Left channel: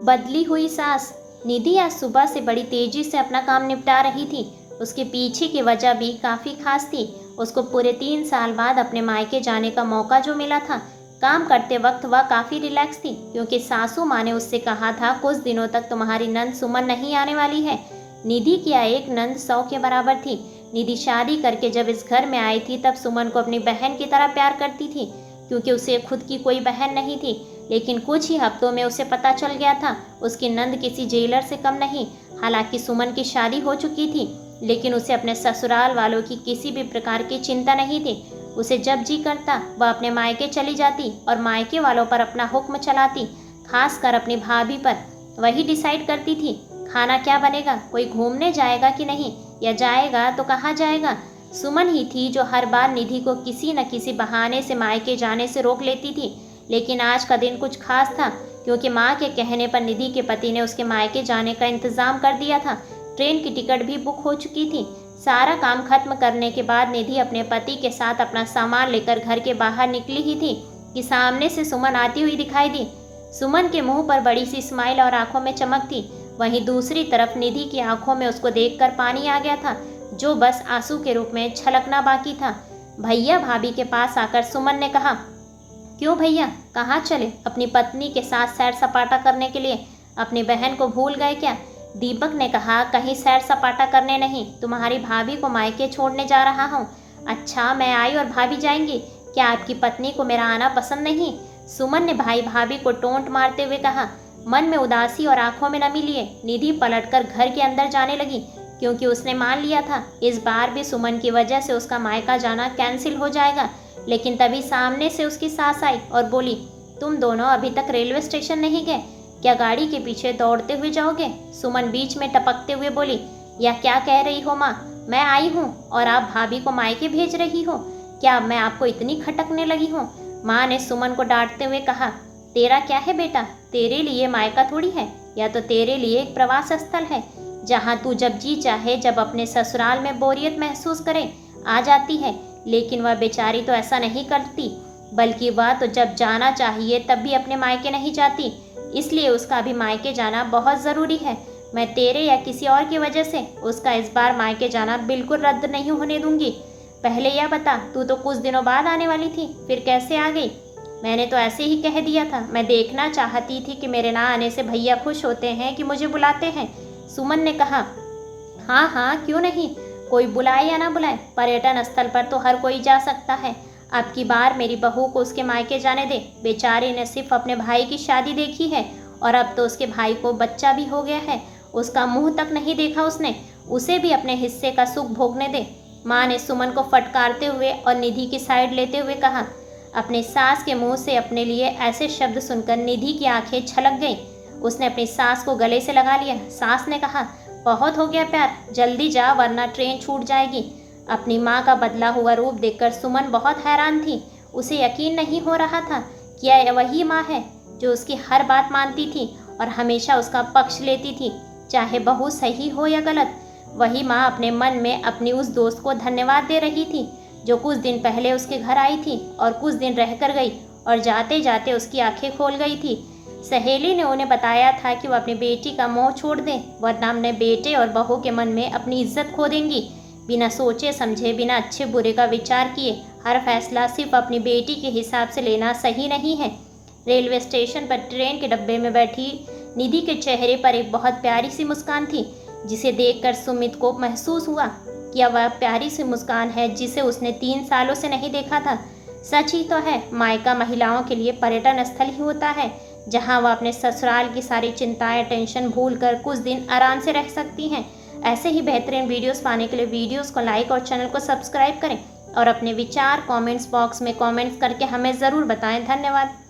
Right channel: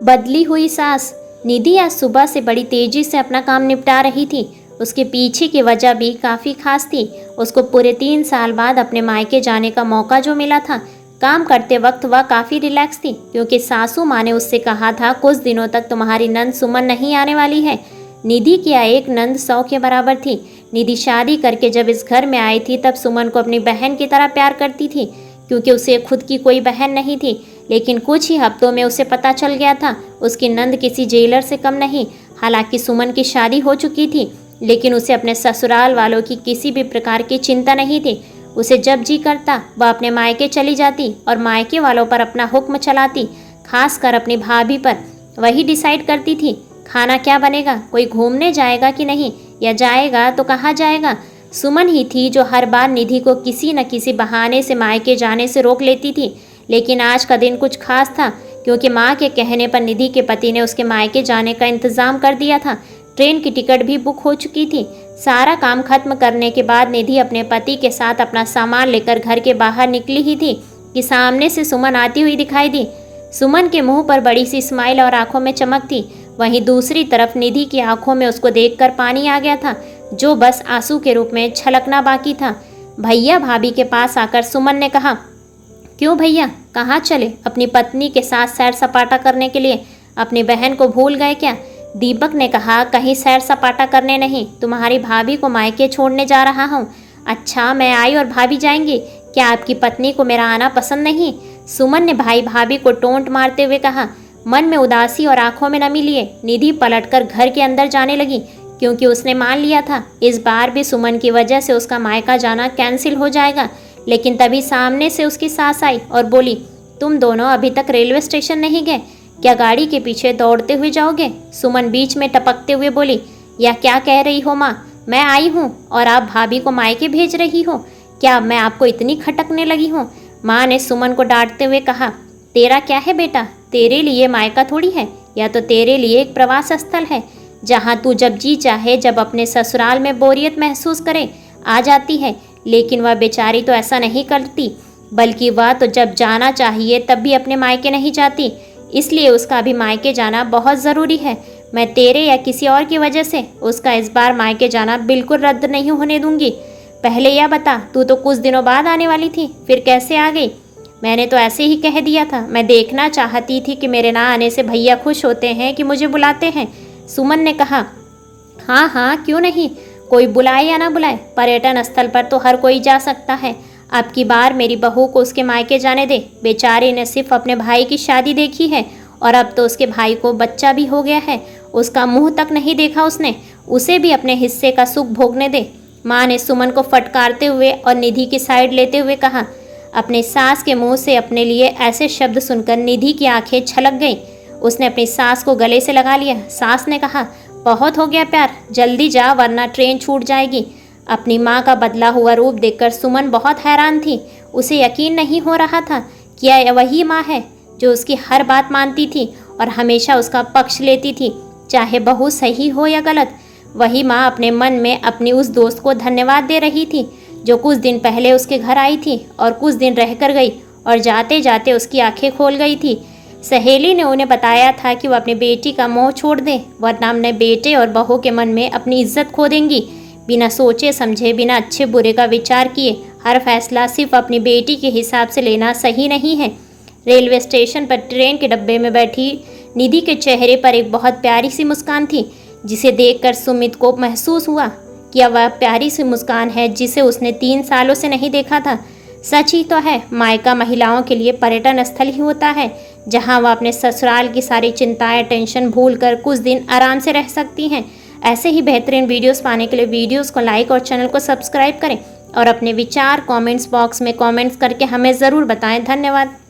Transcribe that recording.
बदली हुई सास। निधि आज सुबह से बड़ी तेजी से अपना काम निपटा रही थी। उसके पीछे की वजह भी काफ़ी खास थी। उसको पूरे 3 साल बाद अपने मायके जाने का मौका जो मिला था। काम करते वक्त वह काफ़ी रिलैक्स थी क्योंकि सासू माँ ने उससे कहा था कुछ दिनों तक तुम्हारी नंद सुमन नहीं आने वाली है। निधि की एक नंद 100 के बराबर थी। निधि शादी करके जब इस घर में आई थी तब सुमन को अपनी बहन की तरह प्यार करती थी क्योंकि उसे खुद की कोई बहन नहीं थी। लेकिन कुछ ही हफ्तों में उसे पता चल गया था उसकी नंद किसी जेलर से कम नहीं। हालांकि सुमन की शादी हो चुकी थी लेकिन उसे अपने ससुराल वालों की किसी भी प्रकार की चिंता नहीं थी। उसे जब जी करता वह अपने मायके चली जाती और मायके वालों पर अपना हुक्म चलाती, खासकर अपनी भाभी पर। वही डिसाइड करती थी खाना क्या बनेगा, कोई घूमने जाएगा कि नहीं, या जाएगा तो कहाँ जाएगा। सुमन ही थी जो हर बार निधि को किसी न किसी बहाने से मायके जाने से रोक लेती थी। लेकिन आज का दिन कुछ खास था क्योंकि माँ के कहने पर निधि के पति ने उसके मायके जाने का इंतज़ाम कर दिया था। ट्रेन की टिकट भी बुक हो चुकी थी। सारा काम खत्म करने के बाद निधि अपने पति के साथ अपना सामान लेकर घर के बाहर निकली ही थी कि सामने से सुमन आती हुई दिखाई दी। सुमन के मुंह पर बड़ी सी स्माइल और आंखों में चमक थी। वहीं दूसरी तरफ निधि की आंखों में उसको देखकर पानी आ गया था जो बस आंसू के रूप में छलकना बाकी था। भैया भाभी के पास आकर सुमन ने कहा, क्यों भैया, कहाँ चले? अपनी पत्नी के साथ सैर सपाटा करने के लिए अपनी बहन को भूल गए क्या? दीपक ने कहा, कहीं सैर सपाटा करने नहीं, तुम्हारी भाभी को मायके छोड़ने जा रहा हूँ। अच्छा, मैं आई और भाभी जाएंगी? क्या आपकी पत्नी को मेरा आना पसंद नहीं? सुमन ने भाई भाभी को टोंट मारते हुए कहा। मन में उदासी और आंखों में नमी लिए निधि पलटकर घर के अंदर जाने लगी क्योंकि उसने मान लिया था इस बार भी सुमन की वजह से उसका मायका जाना कैंसिल हो जाएगा। लेकिन तभी सामने से उसकी सास आई और बोली, तुम दोनों अभी तक रेलवे स्टेशन नहीं गए क्या? गाड़ी के पीछे दौड़ते हुए जाओगे? सुमन बीच में टपकते हुए बोली, या क्या कह रही हो माँ? मैं आई हूँ और आप भाभी को मायके भेज रही हो? क्या मैं आपको इतनी खटकने लगी हूँ? माँ ने सुमन को डांटते हुए कहा, तेरा क्या है बेटा? तेरे लिए मायका थोड़ी है, या तो तेरे लिए एक प्रवास स्थल है जहाँ तू जब जी चाहे, जब अपने ससुराल में बोरियत महसूस करे आ जाती है। लेकिन वह बेचारी तो ऐसा नहीं करती, बल्कि वह तो जब जाना चाहिए तब भी अपने मायके नहीं जाती। इसलिए उसका अभी मायके जाना बहुत ज़रूरी है। मैं तेरे या किसी और की वजह से उसका इस बार मायके जाना बिल्कुल रद्द नहीं होने दूंगी। पहले यह बता, तू तो कुछ दिनों बाद आने वाली थी, फिर कैसे आ गई? मैंने तो ऐसे ही कह दिया था। मैं देखना चाहती थी कि मेरे ना आने से भैया खुश होते हैं कि मुझे बुलाते हैं। सुमन ने कहा, हाँ हाँ, क्यों नहीं, कोई बुलाए या ना बुलाए, पर्यटन स्थल पर तो हर कोई जा सकता है। अब की बार मेरी बहू को उसके मायके जाने दे। बेचारे ने सिर्फ अपने भाई की शादी देखी है और अब तो उसके भाई को बच्चा भी हो गया है। उसका मुंह तक नहीं देखा उसने। उसे भी अपने हिस्से का सुख भोगने दे। माँ ने सुमन को फटकारते हुए और निधि की साइड लेते हुए कहा। अपनी सास के मुंह से अपने लिए ऐसे शब्द सुनकर निधि की आंखें छलक गईं। उसने अपनी सास को गले से लगा लिया। सास ने कहा, बहुत हो गया प्यार, जल्दी जा वरना ट्रेन छूट जाएगी। अपनी माँ का बदला हुआ रूप देखकर सुमन बहुत हैरान थी। उसे यकीन नहीं हो रहा था कि यह वही माँ है जो उसकी हर बात मानती थी और हमेशा उसका पक्ष लेती थी, चाहे बहू सही हो या गलत। वही माँ अपने मन में अपनी उस दोस्त को धन्यवाद दे रही थी जो कुछ दिन पहले उसके घर आई थी और कुछ दिन रह कर गई और जाते जाते उसकी आंखें खोल गई थी। सहेली ने उन्हें बताया था कि वह अपनी बेटी का मोह छोड़ दें वरना अपने बेटे और बहू के मन में अपनी इज्जत खो देंगी। बिना सोचे समझे, बिना अच्छे बुरे का विचार किए हर फैसला सिर्फ अपनी बेटी के हिसाब से लेना सही नहीं है। रेलवे स्टेशन पर ट्रेन के डब्बे में बैठी निधि के चेहरे पर एक बहुत प्यारी सी मुस्कान थी जिसे देखकर सुमित को महसूस हुआ कि वह प्यारी सी मुस्कान है जिसे उसने 3 सालों से नहीं देखा था। सच ही तो है, मायका महिलाओं के लिए पर्यटन स्थल ही होता है जहां वह अपने ससुराल की सारी चिंताएं, टेंशन भूलकर कुछ दिन आराम से रह सकती हैं। ऐसे ही बेहतरीन वीडियोस पाने के लिए वीडियोस को लाइक और चैनल को सब्सक्राइब करें और अपने विचार कमेंट्स बॉक्स में कमेंट्स करके हमें ज़रूर बताएं। धन्यवाद।